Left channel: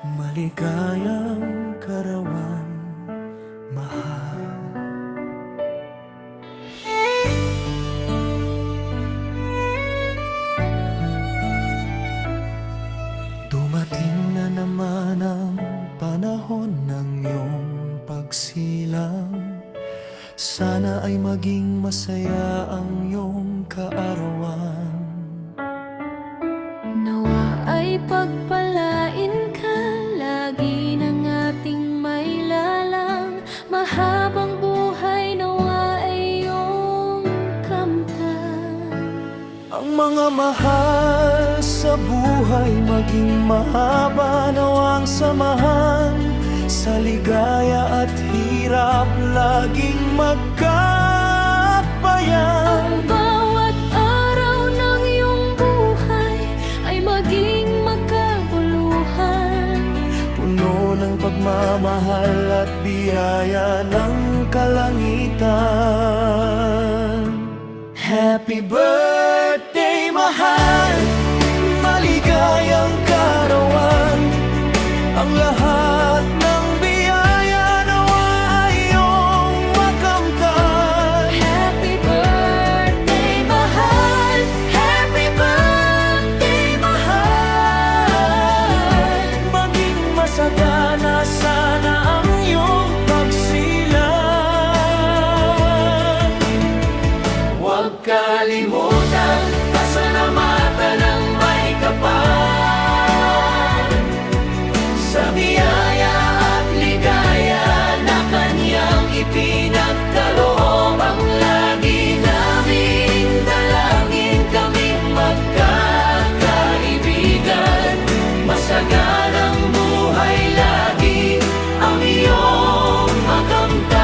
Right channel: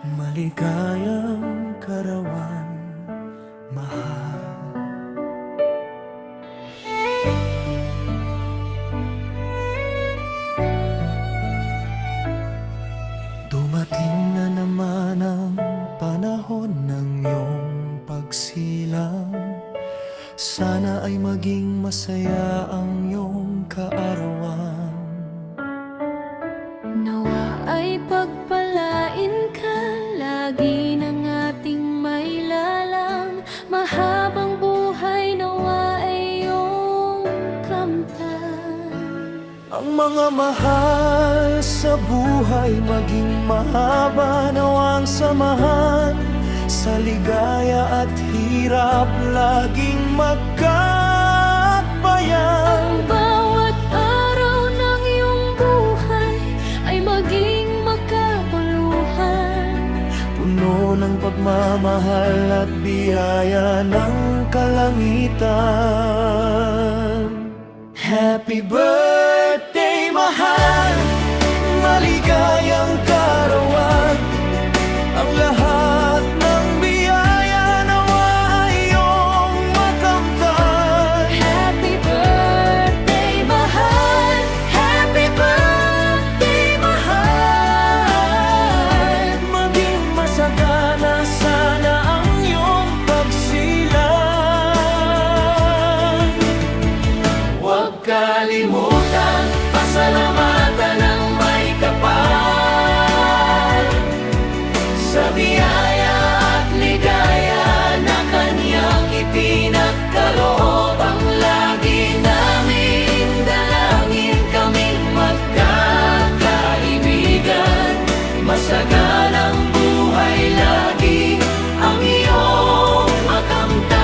Maligayang karawan, mahal. Dumating na naman ang panahon ng iyong pagsilang. Sana ay maging masaya ang iyong kaarawan. Nawa ay pagpalain ka lagi ng ating mailalang. Mahabang buhay nawa ay iyong kamtan. Ang mga mahal sa buhay maging mahaba nawang samahan. Sa ligaya at hirap laging magkakabayan. Ang bawat araw ng iyong buhay ay maging makabuluhan. Puno ng pagmamahal at biyaya ng kalangitan. Happy birthday, mahal! Maligayang karawan. Ang lahat ng biyaya nawa ay iyong makamtan. Happy birthday, mahal! Happy birthday, mahal! Maging masagana sana ang iyong pagsilang. Huwag kalimutan, pasalamatan ng may kapal sa biyaya at ligaya na kanyang ipinagkaloob. Ang lagi naming dalangin, kaming magkakaibigan. Masaganang buhay lagi ang iyong makamtan.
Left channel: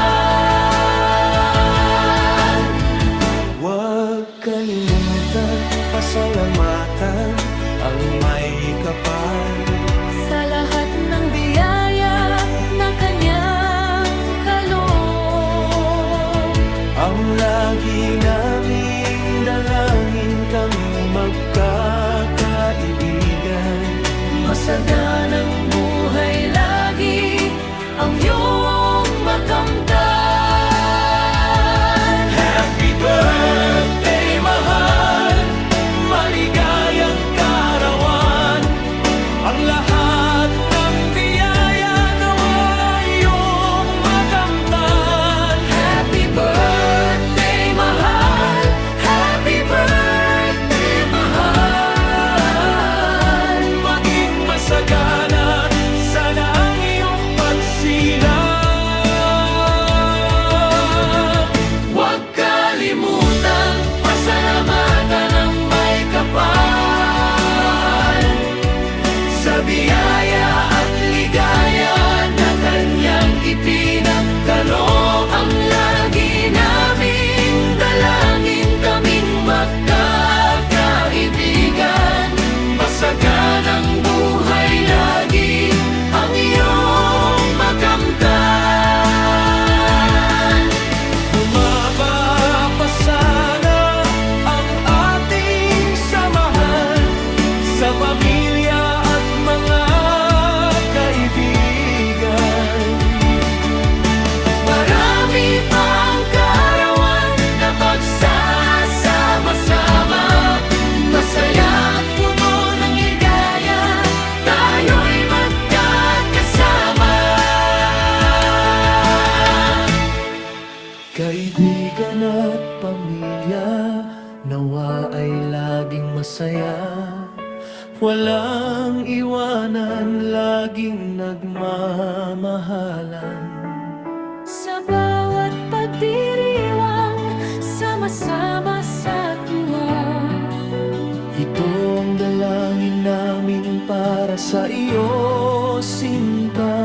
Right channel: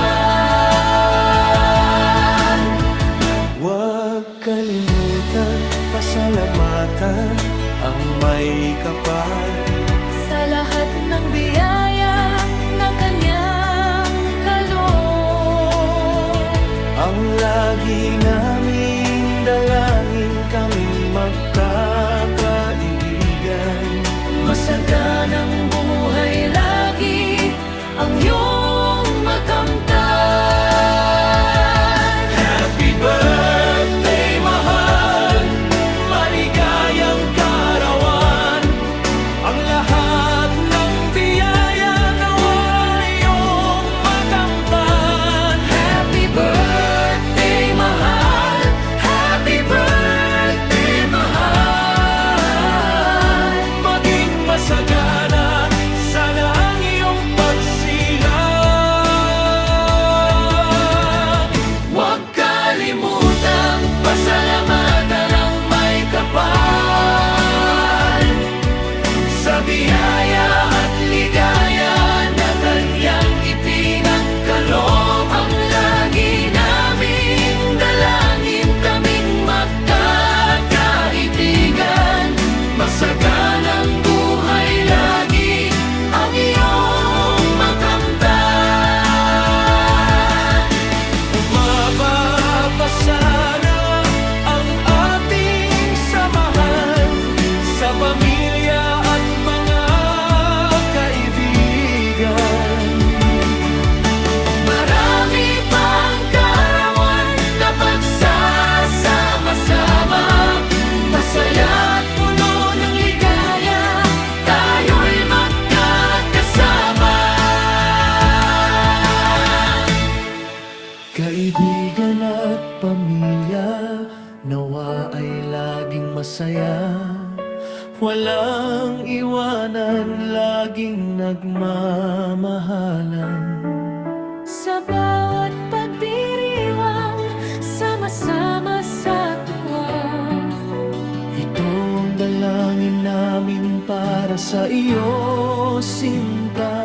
Huwag kalimutan, pasalamatan ang may kapal Sa lahat ng biyaya na kanyang kaloob. ang lagi naming dalangin, kaming magkakaibigan. Masaganang buhay lagi ang iyong makamtan. Happy birthday, mahal! Maligayang karawan. Ang lahat ng biyaya nawa iyong makamtan. Happy birthday, mahal! Happy birthday, mahal! Maging masagana sana ang iyong pagsilang. Huwag kalimutang pasalamatan ang may kapal Sa biyaya at ligaya na kanyang ipinagkaloob. Ang lagi naming dalangin, kaming magkakaibigan. Masaganang buhay lagi ang iyong makamtan. bumaba pa sana ang ating samahan sa pamilya at mga kaibigan. Marami pang kaarawan na pagsasama-sama. Masaya at puno ng ligaya, tayo'y magkakasama. Kaibigan at pamilya, nawa ay laging masaya. Walang iwanan, laging nagmamahalan. Sa bawat pagdiriwang, sama-sama sa tuwa. Ito ang dalangin namin para sa iyo, sinta.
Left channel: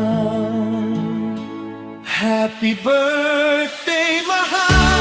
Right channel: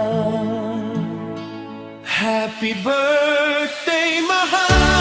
Happy birthday, mahal!